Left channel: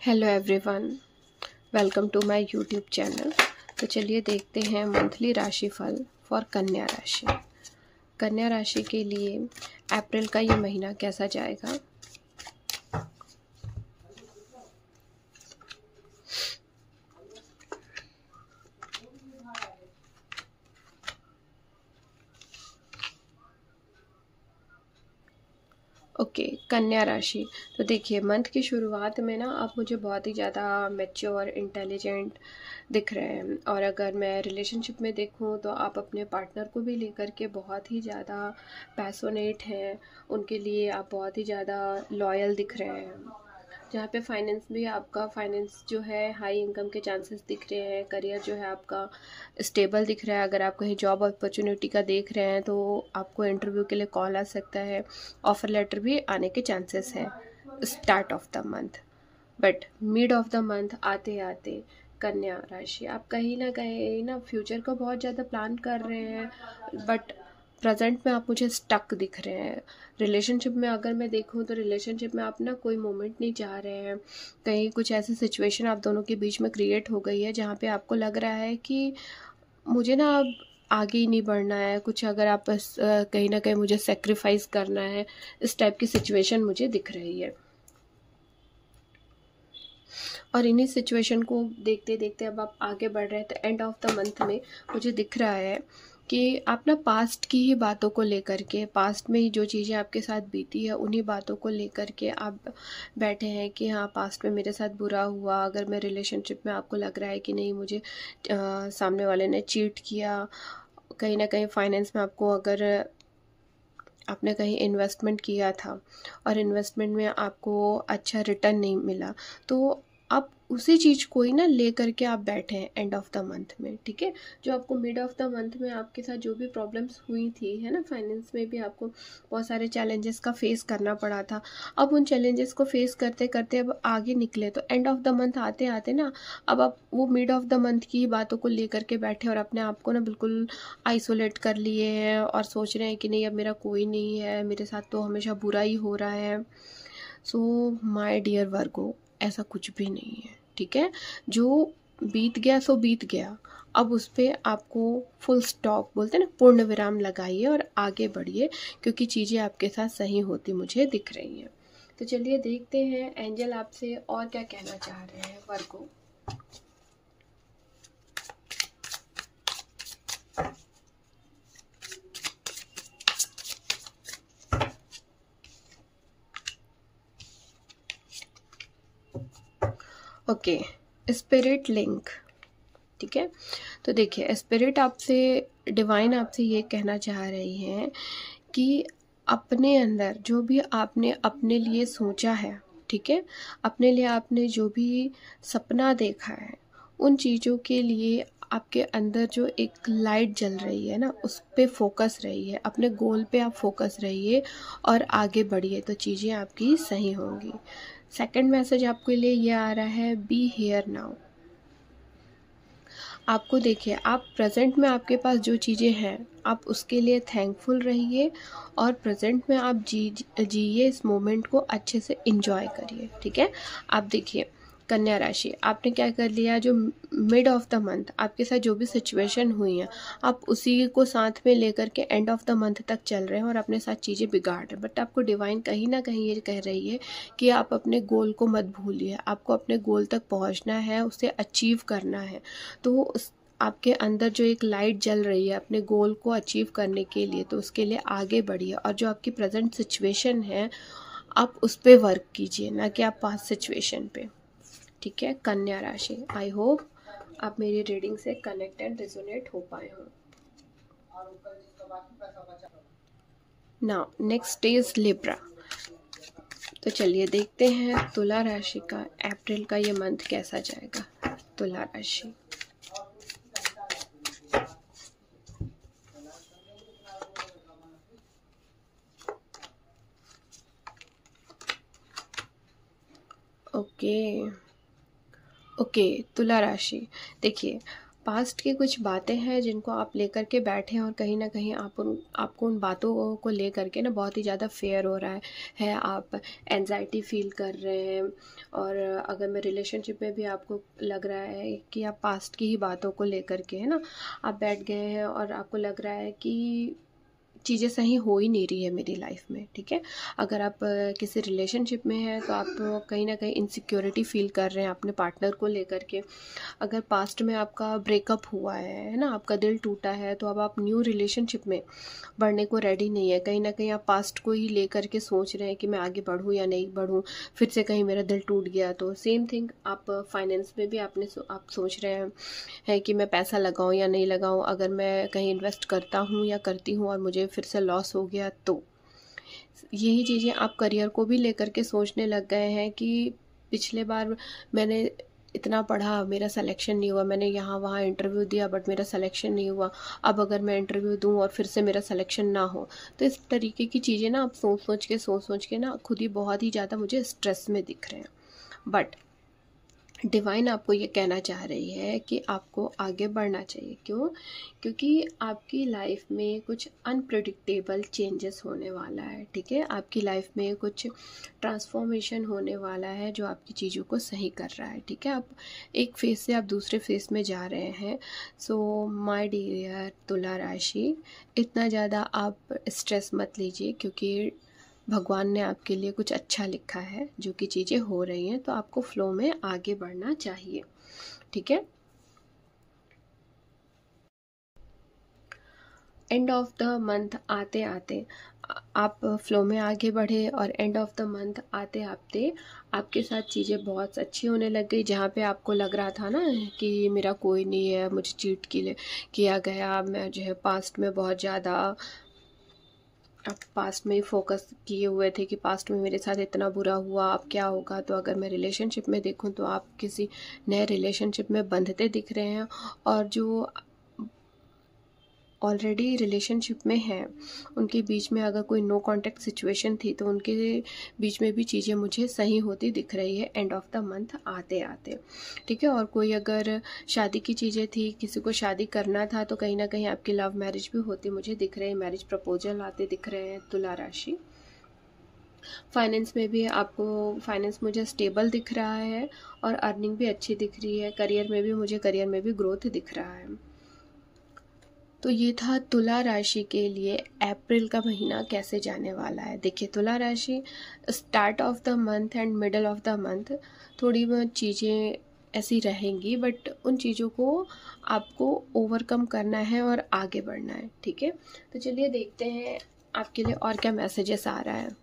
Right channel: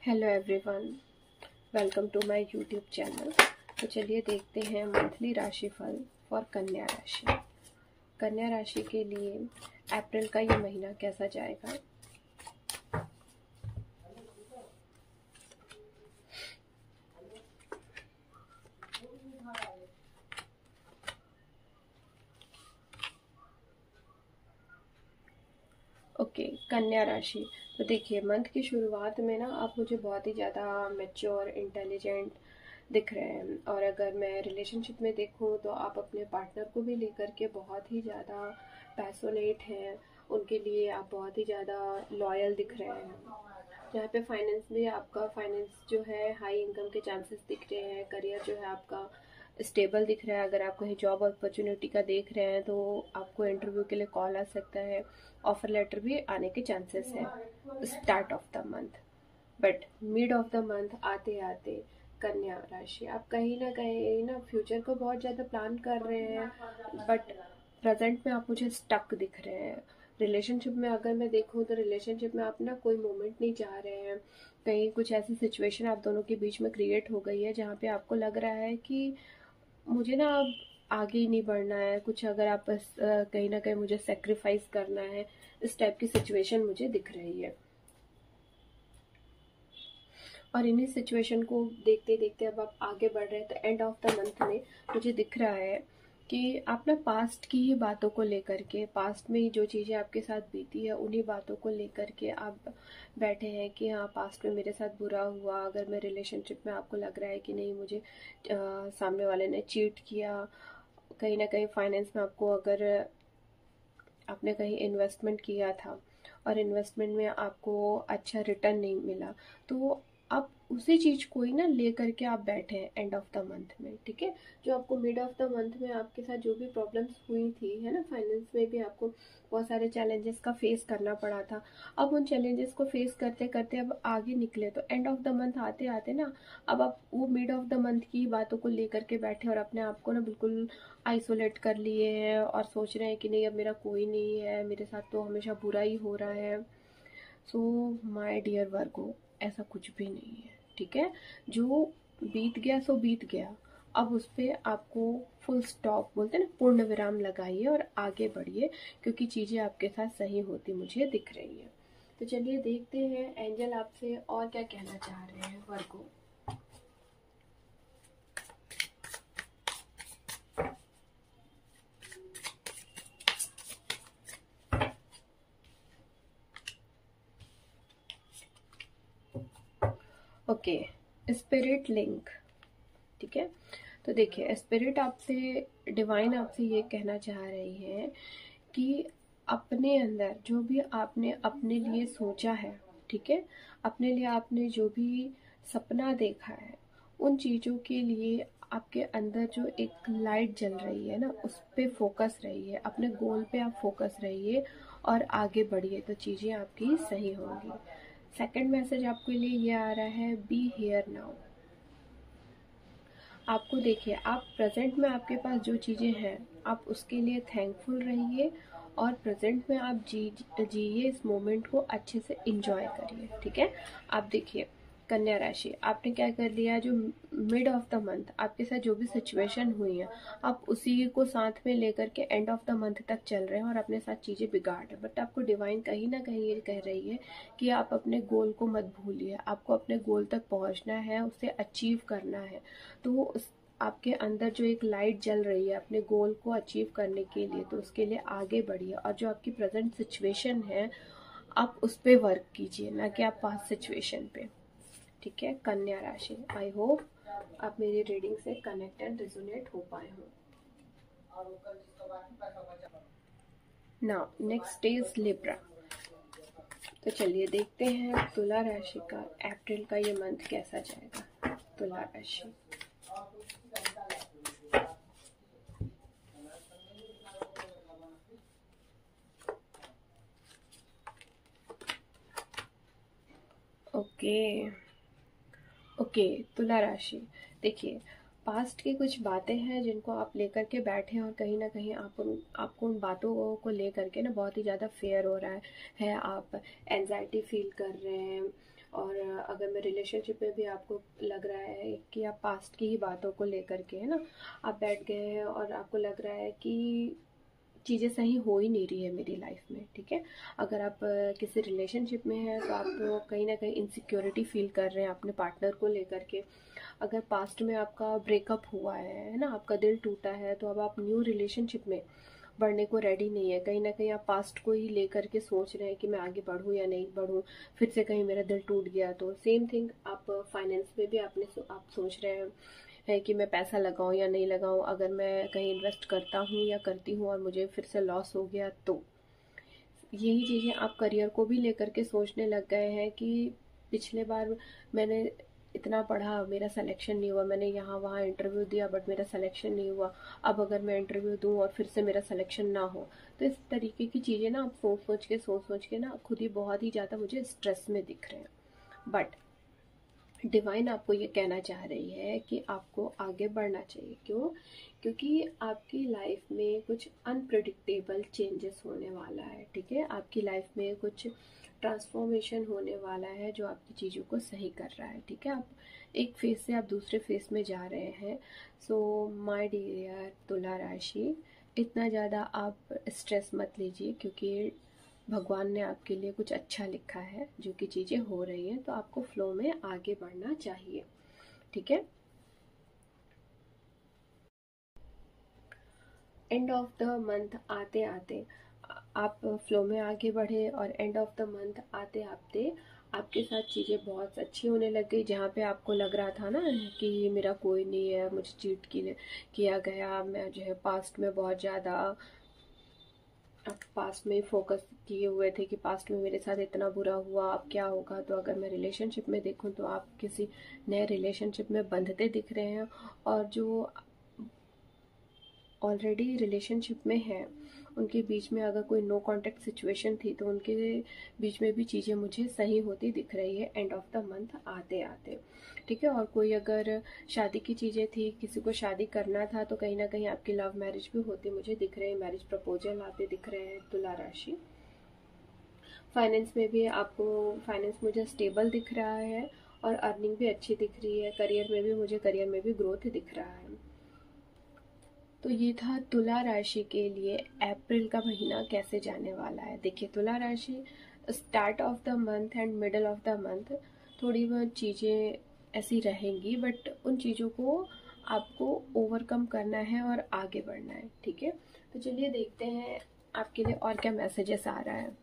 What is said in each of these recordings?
Hello everyone, welcome to my YouTube channel. तो चलिए देखते हैं मंथली राशिफल फॉर कन्या राशि। कन्या राशि के लिए अप्रैल का ये महीना कैसा जाएगा। ओके, कन्या राशि। तो देखिए, मंथ की शुरुआत में ना आप मुझे बहुत ही ज़्यादा मैच्योर, इंटेलिजेंट दिख रहे हैं। और अगर मैं रिलेशनशिप में देखूं तो आप अपने पार्टनर को भी लेकर के बहुत ही ज़्यादा पैशनेट हैं। उनके लिए आप बहुत ही ज़्यादा लॉयल दिख रहे हैं। जहाँ पे फाइनेंस भी आपका फाइनेंस जो है हाई इनकम के चांसेस दिख रहे हैं। करियर जो है आपका स्टेबल दिख रहा है। अगर आप कहीं जॉब अपॉर्चुनिटी का देख रहे हैं तो आपको इंटरव्यू के लिए कॉल आ सकता है। ऑफर लेटर भी आने के चांसेस हैं start of the month. But mid of the month आते आते कन्या राशि आप कहीं ना फ्यूचर को बहुत ज़्यादा प्लान कर रहे हैं, बट प्रेजेंट में आप मुझे स्टक दिख रहे हैं। रिलेशनशिप में अगर मैं देखूं तो रिलेशनशिप में आप ना कोई मोमेंट नहीं चाह रहे हैं। कहीं कुछ ऐसी सिचुएशन आप दोनों के बीच में क्रिएट हो गई है जहाँ पे आपको लग रहा है कि मुझे ना अब आगे ही नहीं बढ़ना है। कुछ अगर आप बस कहीं ना कहीं मुझे सेक्रीफाइस करना है, इस टाइप की सिचुएशन मुझे दिख रही है। और इन्हीं सिचुएशन को देखते देखते अब आप आगे बढ़ रहे हैं। तो एंड ऑफ द मंथ में मुझे दिख रहा है कि आप ना पास्ट की ही बातों को लेकर के, पास्ट में ही जो चीज़ें आपके साथ बीती है उन्हीं बातों को लेकर के आप बैठे हैं कि हाँ, पास्ट में मेरे साथ बुरा हुआ। अगर मैं रिलेशनशिप में आपको लग रहा है कि नहीं, मुझे सामने वाले ने चीट किया, कहीं ना कहीं फाइनेंस में आपको अगर आपने कहीं इन्वेस्टमेंट किया था और इन्वेस्टमेंट में आपको अच्छा रिटर्न नहीं मिला, तो आप उसी चीज़ को ही ना ले करके आप बैठे हैं एंड ऑफ द मंथ में। ठीक है, जो आपको मिड ऑफ द मंथ में आपके साथ जो भी प्रॉब्लम्स हुई थी, है ना, फाइनेंस में भी आपको बहुत सारे चैलेंजेस का फेस करना पड़ा था। अब उन चैलेंजेस को फेस करते करते अब आगे निकले, तो एंड ऑफ द मंथ आते आते ना अब आप वो मिड ऑफ द मंथ की ही बातों को लेकर के बैठे और अपने आप को ना बिल्कुल आइसोलेट कर लिए हैं और सोच रहे हैं कि नहीं, अब मेरा कोई नहीं है, मेरे साथ तो हमेशा बुरा ही हो रहा है। सो माय डियर वर्गो, ऐसा कुछ भी नहीं है। ठीक है, जो बीत गया सो बीत गया। अब उस पर आपको फुल स्टॉप बोलते हैं ना, पूर्ण विराम लगाइए और आगे बढ़िए, क्योंकि चीज़ें आपके साथ सही होती मुझे दिख रही हैं। तो चलिए देखते हैं एंजल आपसे और क्या कहना चाह रहे हैं वर्गो। Okay, spirit link. ठीक है, तो देखिए, स्पिरिट आपसे, डिवाइन आपसे ये कहना चाह रही हैं कि अपने अंदर जो भी आपने अपने लिए सोचा है, ठीक है, अपने लिए आपने जो भी सपना देखा है, उन चीज़ों के लिए आपके अंदर जो एक लाइट जल रही है ना, उस पे फोकस रहिए, अपने गोल पे आप फोकस रहिए और आगे बढ़िए, तो चीज़ें आपकी सही होंगी। सेकंड मैसेज आपके लिए ये आ रहा है, बी हियर नाउ। आपको देखिए, आप प्रेजेंट में आपके पास जो चीज़ें हैं आप उसके लिए थैंकफुल रहिए और प्रेजेंट में आप जिए, इस मोमेंट को अच्छे से इंजॉय करिए। ठीक है, आप देखिए कन्या राशि, आपने क्या कर लिया, जो मिड ऑफ द मंथ आपके साथ जो भी सिचुएशन हुई है आप उसी को साथ में लेकर के एंड ऑफ द मंथ तक चल रहे हैं और अपने साथ चीज़ें बिगाड़ रहे हैं। बट आपको डिवाइन कहीं ना कहीं ये कह रही है कि आप अपने गोल को मत भूलिए, आपको अपने गोल तक पहुंचना है, उसे अचीव करना है। तो उस आपके अंदर जो एक लाइट जल रही है अपने गोल को अचीव करने के लिए, तो उसके लिए आगे बढ़िए। और जो आपकी प्रेजेंट सिचुएशन है आप उस पर वर्क कीजिए, ना कि आप पास्ट सिचुएशन पे। ठीक है कन्या राशि, आई होप आप मेरी रीडिंग से कनेक्ट एंड रिजोनेट हो पाए हो। Now next is Libra. तो चलिए देखते हैं तुला राशि का अप्रैल का ये मंथ कैसा जाएगा। तुला राशि, ओके ओके, तुला राशि। देखिए, पास्ट की कुछ बातें हैं जिनको आप लेकर के बैठे हैं और कहीं न कहीं आपको उन बातों को लेकर के ना बहुत ही ज़्यादा फ़ियर हो रहा है, आप एंग्ज़ायटी फ़ील कर रहे हैं। और अगर मैं रिलेशनशिप में भी आपको लग रहा है कि आप पास्ट की ही बातों को लेकर के, है ना, आप बैठ गए हैं और आपको लग रहा है कि चीज़ें सही हो ही नहीं रही है मेरी लाइफ में, ठीक है। अगर आप किसी रिलेशनशिप में हैं तो आप कहीं ना कहीं इनसिक्योरिटी फील कर रहे हैं अपने पार्टनर को लेकर के। अगर पास्ट में आपका ब्रेकअप हुआ है ना, आपका दिल टूटा है, तो अब आप न्यू रिलेशनशिप में बढ़ने को रेडी नहीं है। कहीं ना कहीं आप पास्ट को ही लेकर के सोच रहे हैं कि मैं आगे बढ़ूँ या नहीं बढ़ूँ, फिर से कहीं मेरा दिल टूट गया तो। सेम थिंग आप फाइनेंस में भी आप सोच रहे हैं कि मैं पैसा लगाऊं या नहीं लगाऊं, अगर मैं कहीं इन्वेस्ट करता हूं या करती हूं और मुझे फिर से लॉस हो गया तो। यही चीज़ें आप करियर को भी लेकर के सोचने लग गए हैं कि पिछले बार मैंने इतना पढ़ा, मेरा सिलेक्शन नहीं हुआ, मैंने यहाँ वहाँ इंटरव्यू दिया बट मेरा सिलेक्शन नहीं हुआ, अब अगर मैं इंटरव्यू दूँ और फिर से मेरा सिलेक्शन ना हो। तो इस तरीके की चीज़ें ना आप सोच के ना खुद ही बहुत ही ज़्यादा मुझे स्ट्रेस में दिख रहे हैं। बट डिवाइन आपको ये कहना चाह रही है कि आपको आगे बढ़ना चाहिए। क्यों? क्योंकि आपकी लाइफ में कुछ अनप्रेडिक्टेबल चेंजेस होने वाला है, ठीक है। आपकी लाइफ में कुछ ट्रांसफॉर्मेशन होने वाला है जो आपकी चीज़ों को सही कर रहा है, ठीक है। आप एक फेज से आप दूसरे फेज में जा रहे हैं। सो माय डियर तुला राशि, इतना ज़्यादा आप स्ट्रेस मत लीजिए, क्योंकि भगवान ने आपके लिए कुछ अच्छा लिखा है। जो कि चीज़ें हो रही हैं तो आपको फ्लो में आगे बढ़ना चाहिए, ठीक है। एंड ऑफ द मंथ आते आते आप फ्लो में आगे बढ़े, और एंड ऑफ द मंथ आते आते आपके साथ चीज़ें बहुत अच्छी होने लग गई। जहाँ पे आपको लग रहा था ना कि मेरा कोई नहीं है, मुझे चीट किया गया, मैं जो है पास्ट में बहुत ज़्यादा आप पास्ट में ही फोकस किए हुए थे कि पास्ट में मेरे साथ इतना बुरा हुआ, अब क्या होगा। तो अगर मैं रिलेशनशिप में देखूं तो आप किसी नए रिलेशनशिप में बंधते दिख रहे हैं, और जो ऑलरेडी रिलेशनशिप में हैं उनके बीच में अगर कोई नो कांटेक्ट सिचुएशन थी तो उनके बीच में भी चीज़ें मुझे सही होती दिख रही है एंड ऑफ द मंथ आते आते, ठीक है। और कोई अगर शादी की चीज़ें थी, किसी को शादी करना था, तो कहीं ना कहीं आपकी लव मैरिज भी होती मुझे दिख रही है, मैरिज प्रपोजल आते दिख रहे हैं तुला राशि। फाइनेंस में भी आपको फाइनेंस मुझे स्टेबल दिख रहा है और अर्निंग भी अच्छी दिख रही है। करियर में भी ग्रोथ दिख रहा है। तो ये था तुला राशि के लिए अप्रैल का महीना कैसे जाने वाला है। देखिए तुला राशि, start of the month and middle of the month थोड़ी बहुत चीज़ें ऐसी रहेंगी, बट उन चीज़ों को आपको ओवरकम करना है और आगे बढ़ना है, ठीक है। तो चलिए देखते हैं आपके लिए और क्या मैसेजेस आ रहा है।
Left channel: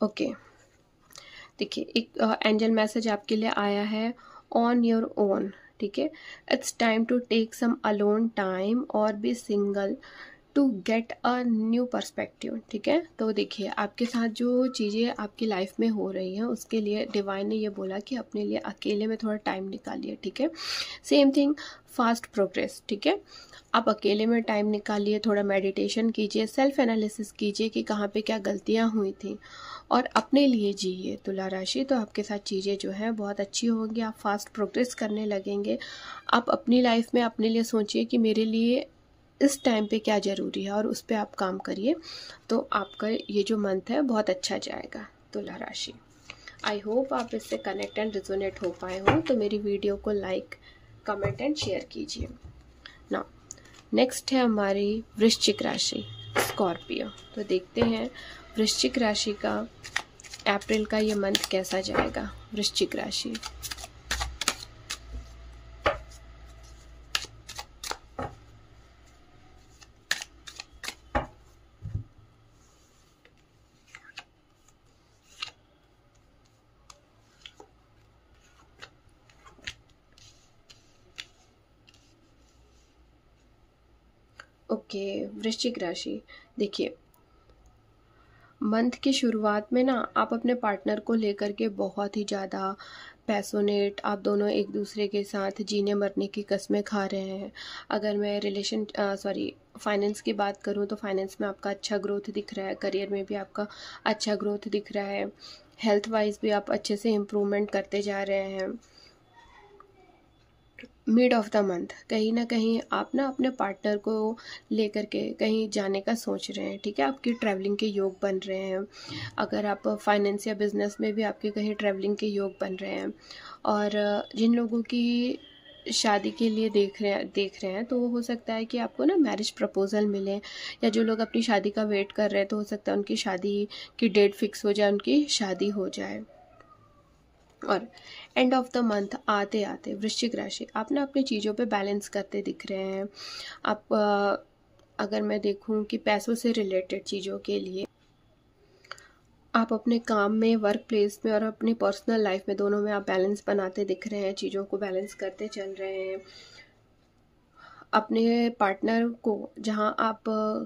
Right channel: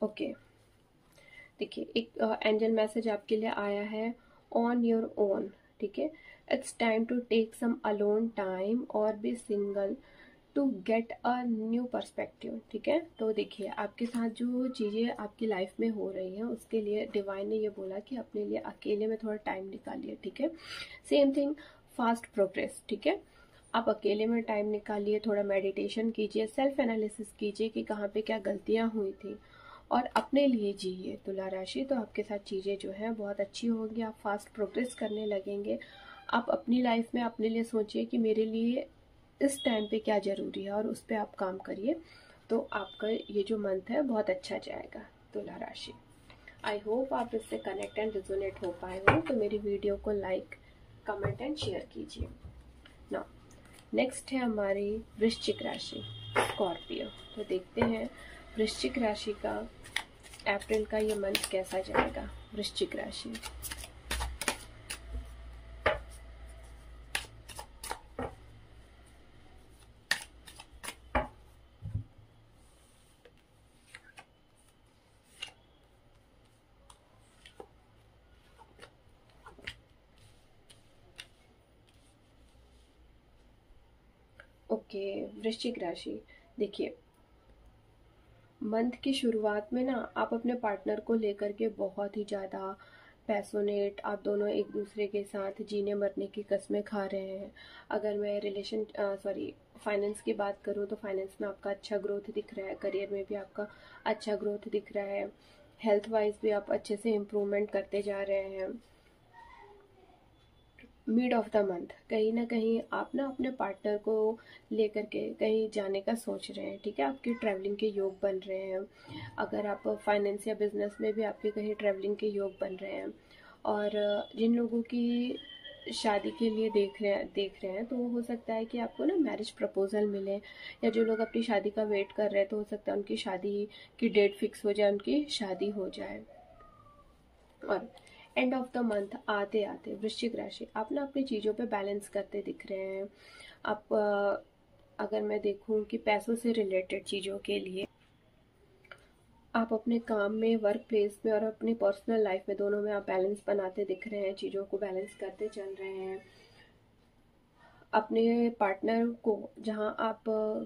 ओके, देखिए एक एंजल मैसेज आपके लिए आया है, ऑन योर ओन, ठीक है। It's time to take some alone time और be single to get a new perspective, ठीक है। तो देखिए आपके साथ जो चीज़ें आपकी लाइफ में हो रही हैं उसके लिए डिवाइन ने ये बोला कि अपने लिए अकेले में थोड़ा टाइम निकालिए, ठीक है। सेम थिंग फास्ट प्रोग्रेस, ठीक है। आप अकेले में टाइम निकालिए, थोड़ा मेडिटेशन कीजिए, सेल्फ एनालिसिस कीजिए कि कहाँ पे क्या गलतियाँ हुई थी, और अपने लिए जिए तुला राशि। तो आपके साथ चीज़ें जो हैं बहुत अच्छी होंगी, आप फास्ट प्रोग्रेस करने लगेंगे। आप अपनी लाइफ में अपने लिए सोचिए कि मेरे लिए इस टाइम पे क्या ज़रूरी है और उस पर आप काम करिए, तो आपका ये जो मंथ है बहुत अच्छा जाएगा तुला राशि। आई होप आप इससे कनेक्ट एंड रिजोनेट हो पाए हो। तो मेरी वीडियो को लाइक, कमेंट एंड शेयर कीजिए। ना नेक्स्ट है हमारी वृश्चिक राशि, स्कॉर्पियो। तो देखते हैं वृश्चिक राशि का अप्रैल का ये मंथ कैसा जाएगा। वृश्चिक राशि, ओके वृश्चिक राशि, देखिए मंथ की शुरुआत में ना आप अपने पार्टनर को लेकर के बहुत ही ज़्यादा पैशनेट, आप दोनों एक दूसरे के साथ जीने मरने की कस्में खा रहे हैं। अगर मैं फाइनेंस की बात करूं तो फाइनेंस में आपका अच्छा ग्रोथ दिख रहा है, करियर में भी आपका अच्छा ग्रोथ दिख रहा है, हेल्थ वाइज भी आप अच्छे से इम्प्रूवमेंट करते जा रहे हैं। मिड ऑफ द मंथ कहीं ना कहीं आप ना अपने पार्टनर को लेकर के कहीं जाने का सोच रहे हैं, ठीक है, आपकी ट्रैवलिंग के योग बन रहे हैं। अगर आप फाइनेंस या बिजनेस में भी आपके कहीं ट्रैवलिंग के योग बन रहे हैं। और जिन लोगों की शादी के लिए देख रहे हैं तो हो सकता है कि आपको ना मैरिज प्रपोजल मिले, या जो लोग अपनी शादी का वेट कर रहे हैं तो हो सकता है उनकी शादी की डेट फिक्स हो जाए, उनकी शादी हो जाए। और एंड ऑफ द मंथ आते आते वृश्चिक राशि आप ना अपनी चीज़ों पे बैलेंस करते दिख रहे हैं। आप अगर मैं देखूं कि पैसों से रिलेटेड चीज़ों के लिए आप अपने काम में, वर्क प्लेस में और अपनी पर्सनल लाइफ में, दोनों में आप बैलेंस बनाते दिख रहे हैं, चीज़ों को बैलेंस करते चल रहे हैं। अपने पार्टनर को जहाँ आप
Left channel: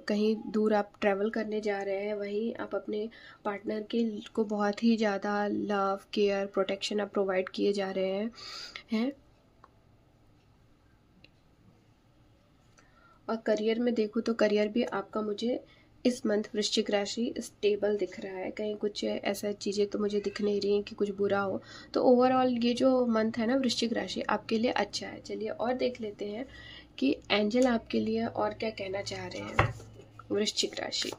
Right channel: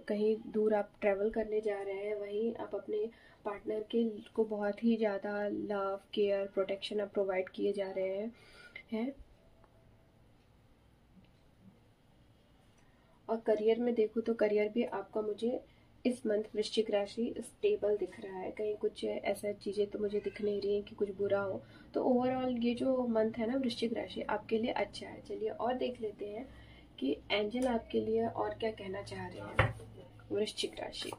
कहीं दूर आप ट्रैवल करने जा रहे हैं वहीं आप अपने पार्टनर के को बहुत ही ज़्यादा लव, केयर, प्रोटेक्शन आप प्रोवाइड किए जा रहे हैं। और करियर में देखूँ तो करियर भी आपका मुझे इस मंथ वृश्चिक राशि स्टेबल दिख रहा है। कहीं कुछ ऐसा चीज़ें तो मुझे दिख नहीं रही हैं कि कुछ बुरा हो। तो ओवरऑल ये जो मंथ है ना वृश्चिक राशि आपके लिए अच्छा है। चलिए और देख लेते हैं कि एंजल आपके लिए और क्या कहना चाह रहे हैं वृश्चिक राशि।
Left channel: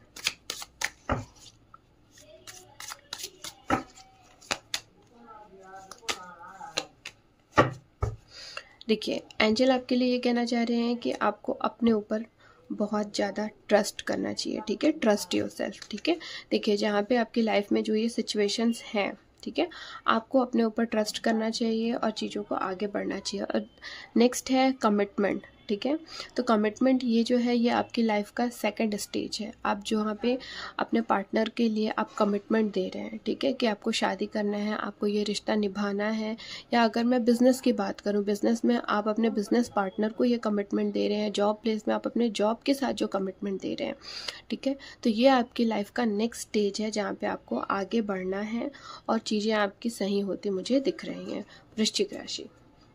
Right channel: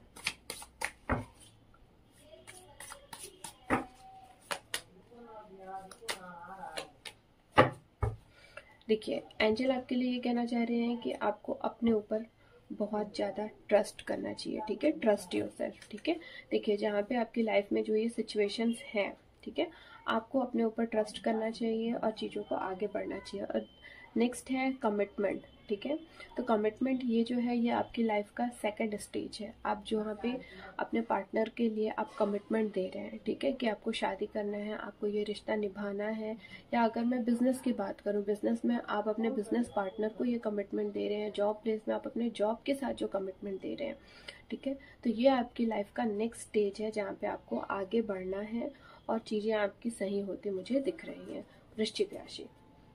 देखिए एंजल आपके लिए ये कहना चाह रहे हैं कि आपको अपने ऊपर बहुत ज़्यादा ट्रस्ट करना चाहिए, ठीक है, ट्रस्ट योरसेल्फ, ठीक है। देखिए जहाँ पे आपकी लाइफ में जो ये सिचुएशंस हैं, ठीक है, आपको अपने ऊपर ट्रस्ट करना चाहिए और चीज़ों को आगे बढ़ना चाहिए। और नेक्स्ट है कमिटमेंट, ठीक है। तो कमिटमेंट ये जो है ये आपकी लाइफ का सेकंड स्टेज है। आप जहाँ पे अपने पार्टनर के लिए आप कमिटमेंट दे रहे हैं, ठीक है, कि आपको शादी करना है, आपको ये रिश्ता निभाना है। या अगर मैं बिज़नेस की बात करूँ, बिज़नेस में आप अपने बिज़नेस पार्टनर को ये कमिटमेंट दे रहे हैं, जॉब प्लेस में आप अपने जॉब के साथ जो कमिटमेंट दे रहे हैं, ठीक है। तो ये आपकी लाइफ का नेक्स्ट स्टेज है जहाँ पे आपको आगे बढ़ना है और चीज़ें आपकी सही होती मुझे दिख रही हैं वृश्चिक राशि।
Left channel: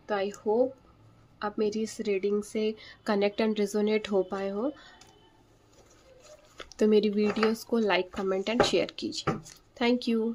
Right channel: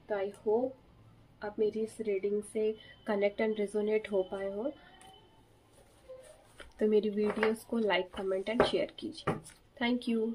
तो आई होप आप मेरी इस रीडिंग से कनेक्ट एंड रेजोनेट हो पाए हो। तो मेरी वीडियोस को लाइक, कमेंट एंड शेयर कीजिए। Thank you.